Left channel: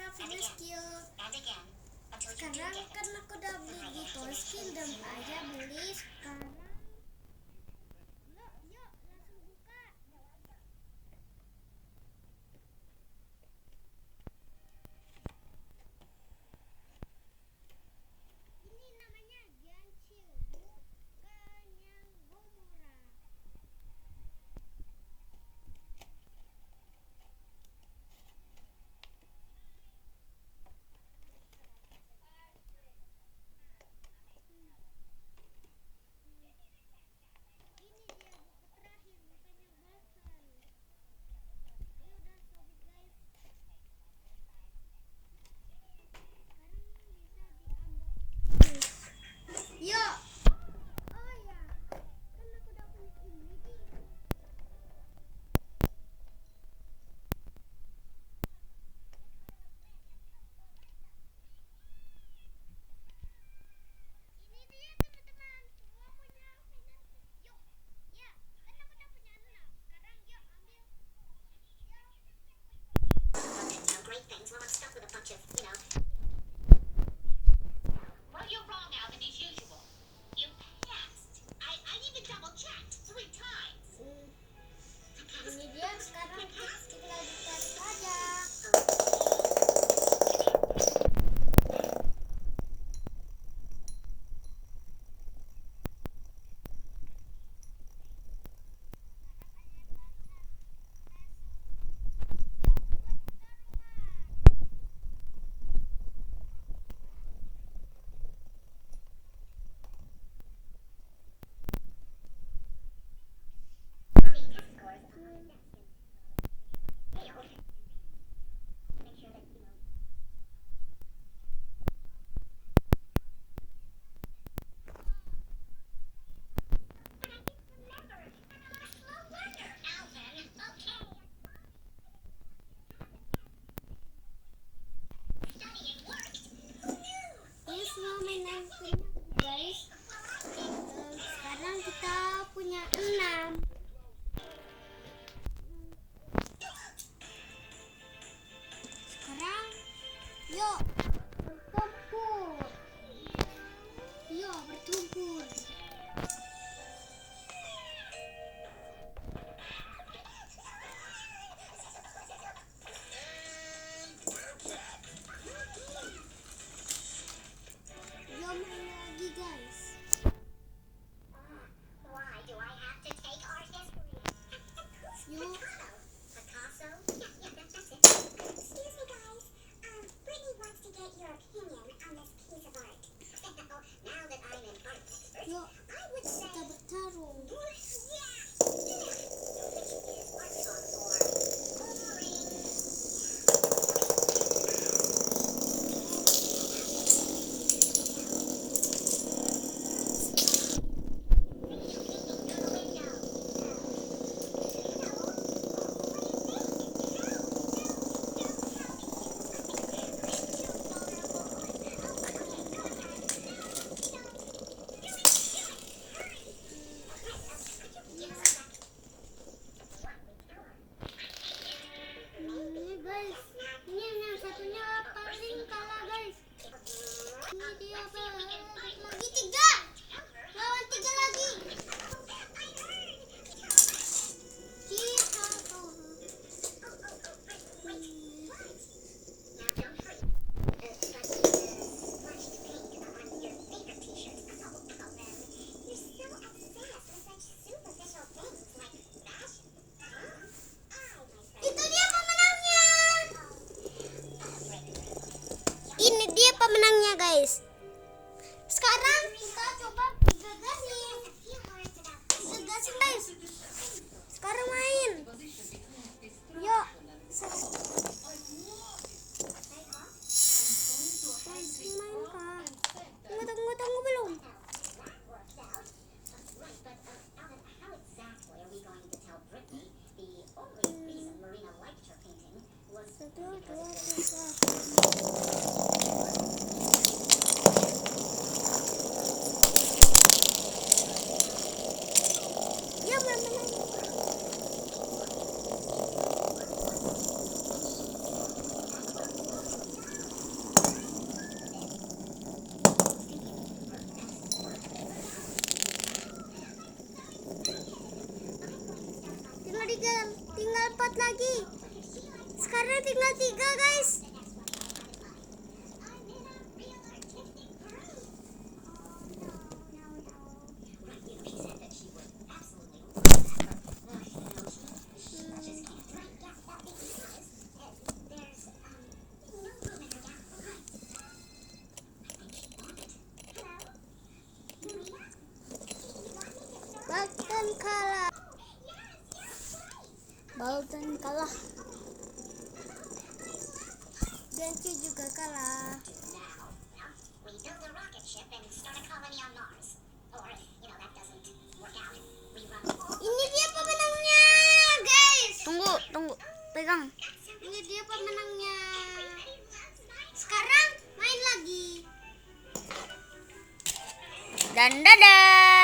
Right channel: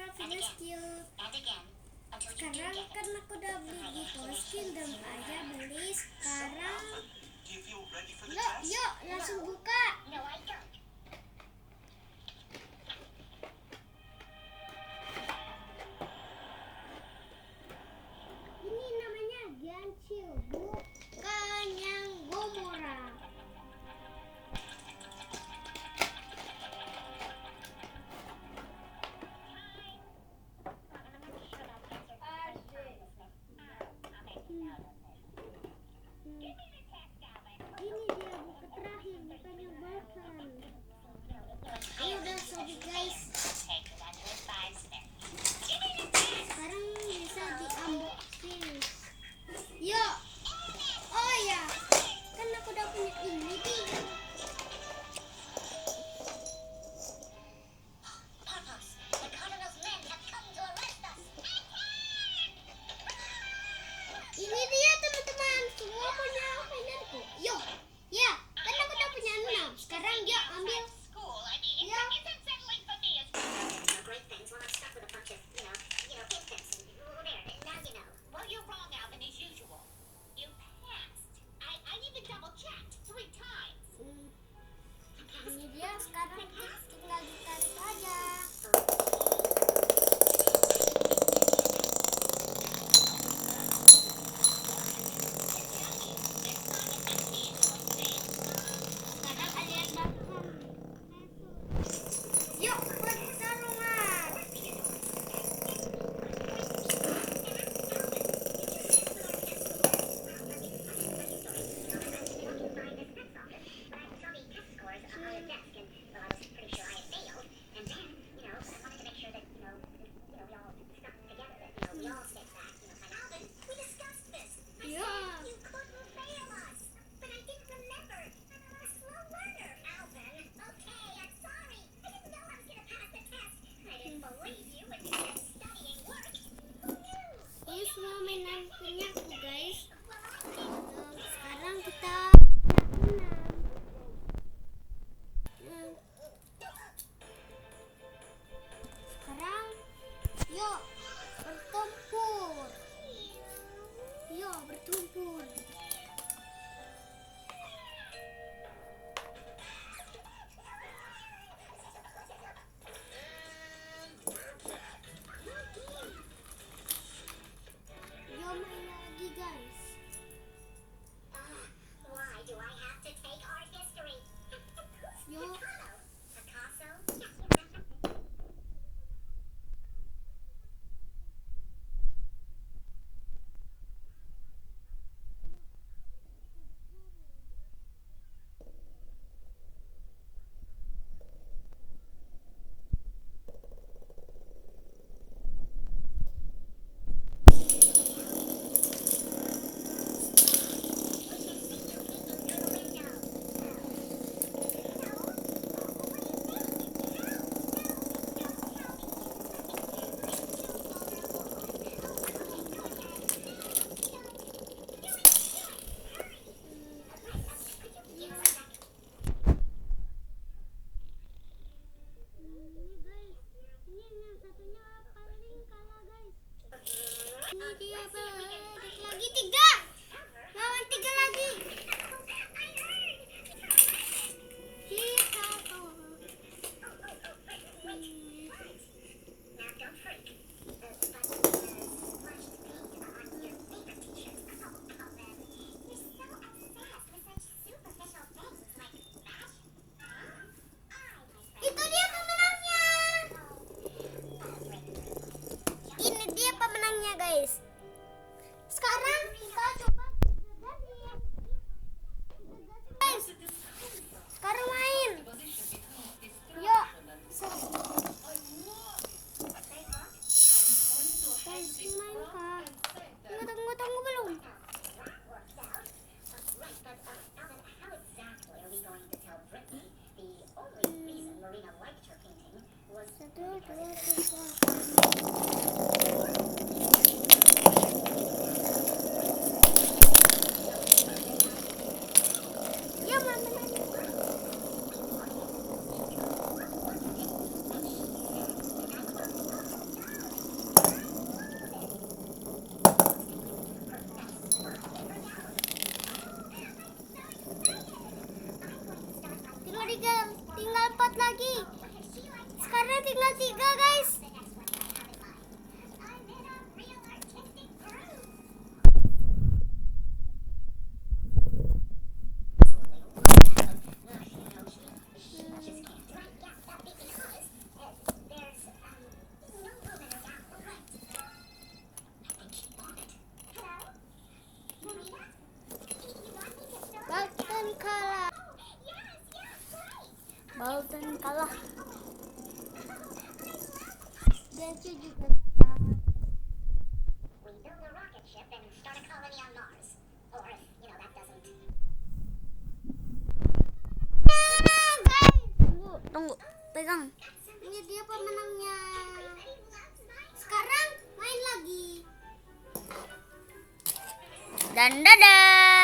bisa video skill. Sekarang karena aku udah beli gitu skin dan ayah beli sekarang. Yuk langsung buka. Ini namanya Ganshiu, bukan yang Gomora. Ini dia buku terakhir, bukan yang bahkan. Ayo udah sobi guys. Sekarang bisa di-unboxing. Yuk. Oh ya, kan aku udah punya ini nih. Ini dia teman-teman, semua punya mainanku. Yuk, ya, kan aku udah punya 6. Sekarang dia ambil. Ya. Ini dia sekarang tinggal ditarik aja. Sekarang alias bahan. Yuk, buat pertarungan. Ini semua mainan punya aku guys. Sekarang kita punya 6. Sekarang yuk bertempur. Yuk bertempur. Yuk main lagi guys. Yuk. Yuk kita bertarung. Ini guys, ini yang satunya paling kalah guys. Ini dia balik lagi 3 lawan 3 lagi. Kita tuh. Itu dia pemenangnya. Ini dia pemenangnya guys. Sekarang kita coba 3 gasin. 3 gasin guys. Sekarang main. Yuk. Guys, main kah? Tunggu belum. Satu, dua, tiga. Ya, mana? lagi. Sekarang tinggal 3 guys. Bolton kalah. Bolton kalah. Genki juga kalah. Ini dia pemenangnya, guys. Tunggu, pegang. Ini dia pemenangnya. Sekarang main lagi. Dan dadah.